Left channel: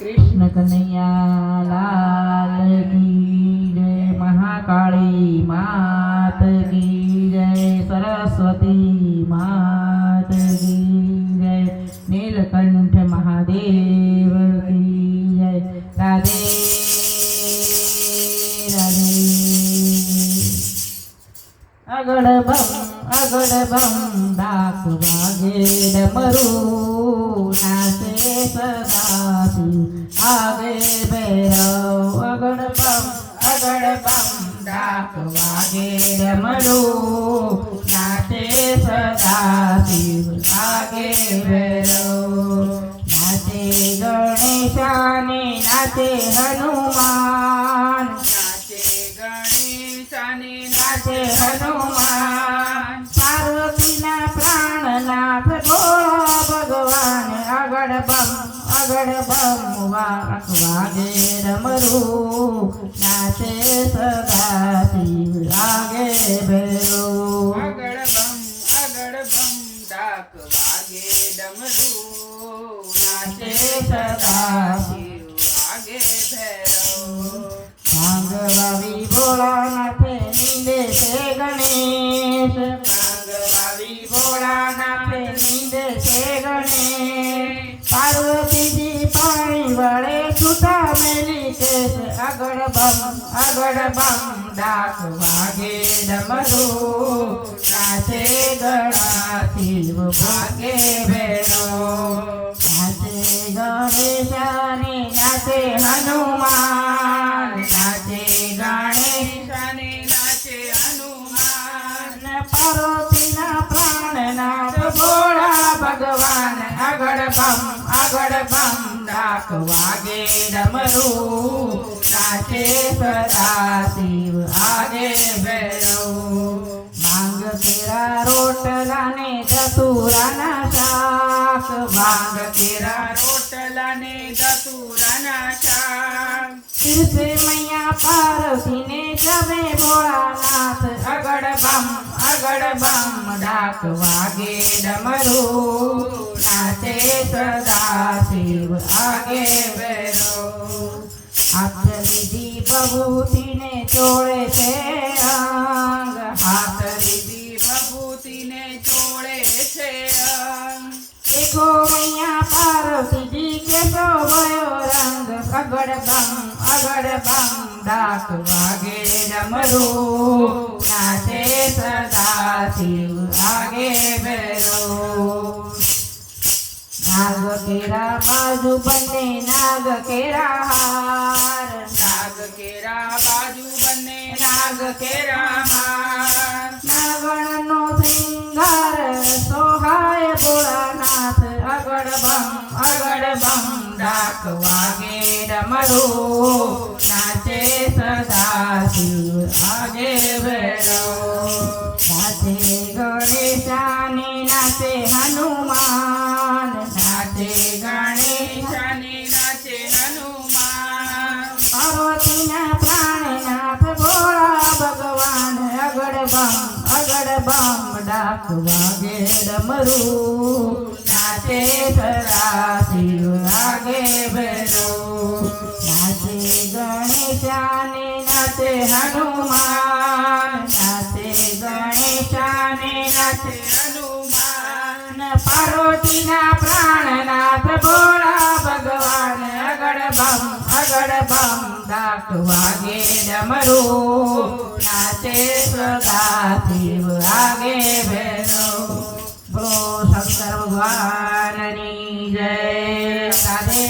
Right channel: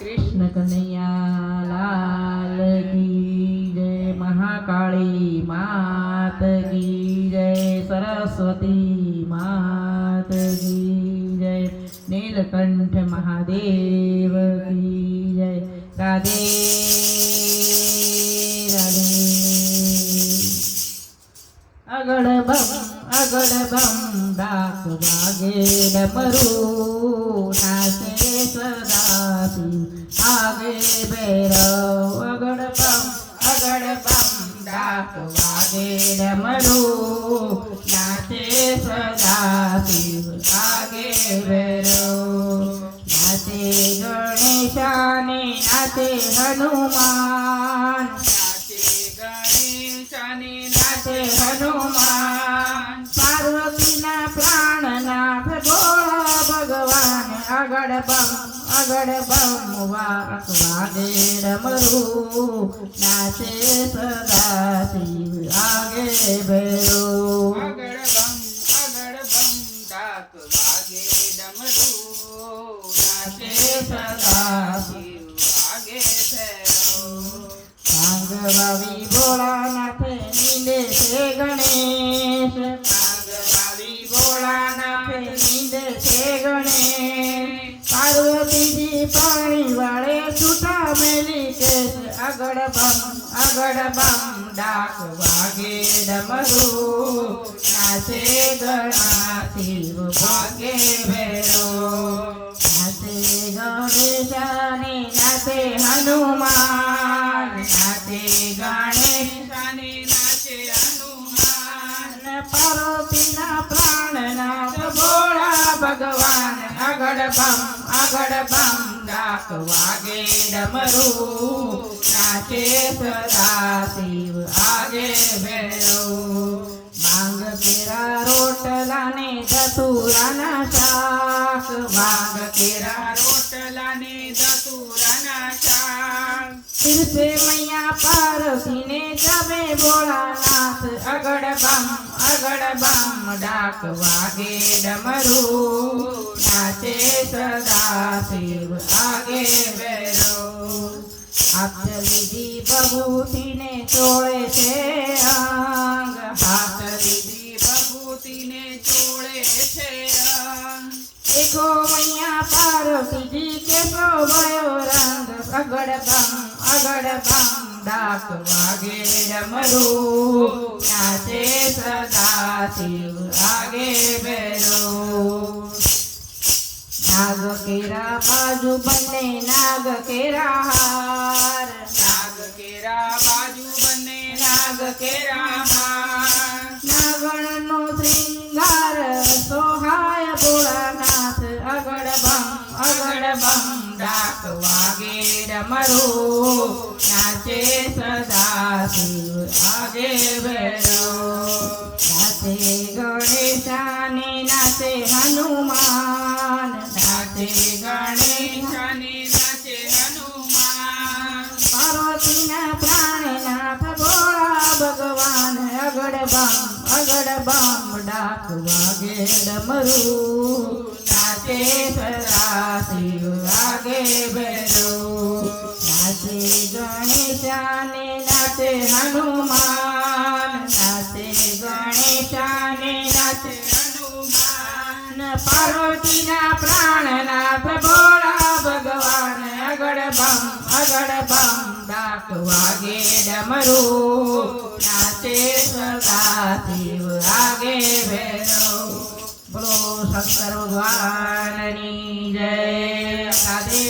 कृष्ण कन्हैया लाल की जय। महाकाली मात की जय। सरस्वती मात की जय। नीलकंठ महादेव की जय। राधे राधे। अगड़ बम डाक वागे डमरू नाचे सदाशिव आगे भैरव। अगड़ बम डाक वागे डमरू नाचे सदाशिव आगे भैरव। नाचे गणेशाने नाचे हनुमान। नाचे हनुमान। पार्वतीना प्राणनाथ भोळा भगवान। अगड़ बम वागे डमरू नाचे सदाशिव आगे भैरव। अगड़ बम डाक वागे डमरू नाचे सदाशिव आगे भैरव। भांग भावी भोलानाथ नींदे से गणेश। भांग वावी भोलानाथ नींदे से गणेश। पार्वती जी पानी वाले छूटा मेली केश। अगड़ बम डाक वागे डमरू नाचे गणाशिव भागे भैरव। नाचे गणेशाने नाचे हनुमान। नाचे गणेशाने नाचे हनुमान। पार्वतीना प्राणनाथ भोळा भगवान। अगड़ बम डाक वागे डमरू नाचे सदाशिव आगे भैरव। भांग तेरा रोटला ने धतूराना शाक। भांग तेरा रोटला ने धतूराना शाक। फिर से मैया पार्वती ने जमे भोलानाथ। अगड़ बम डाक वागे डमरू नाचे सदाशिव आगे भैरव। हाथ विधि बभूति ने चोड़े से अंग। हाथ विधि बभूति ने चोड़े से अंग। देखो मैया पार्वती जी के शोभयो रंग। अगड़ बम डाक वागे डमरू नाचे सदाशिव आगे भैरव। नाग केरा बाजू बने नाग केरा हार। नाग केरा बाजू बने नाग केरा हार। नागणनो श्रृंगार सोहाय भोलानाथ। अगड़ बम डाक वागे डमरू नाचे सदाशिव आगे भैरव। नाचे गणेशाने नाचे हनुमान। नाचे गणेशाने नाचे हनुमान। पार्वतीना प्राणनाथ भोळा भगवान। अगड़ बम डाक वागे डमरू नाचे सदाशिव आगे भैरव। नाचे गणेशाने नाचे हनुमान। नाचे गणेशाने नाचे हनुमान। पार्वतीना प्राणनाथ भोळा भगवान। अगड़ बम डाक वागे डमरू नाचे सदाशिव आगे भैरव। बोलो शंकर भगवान की जय। राधे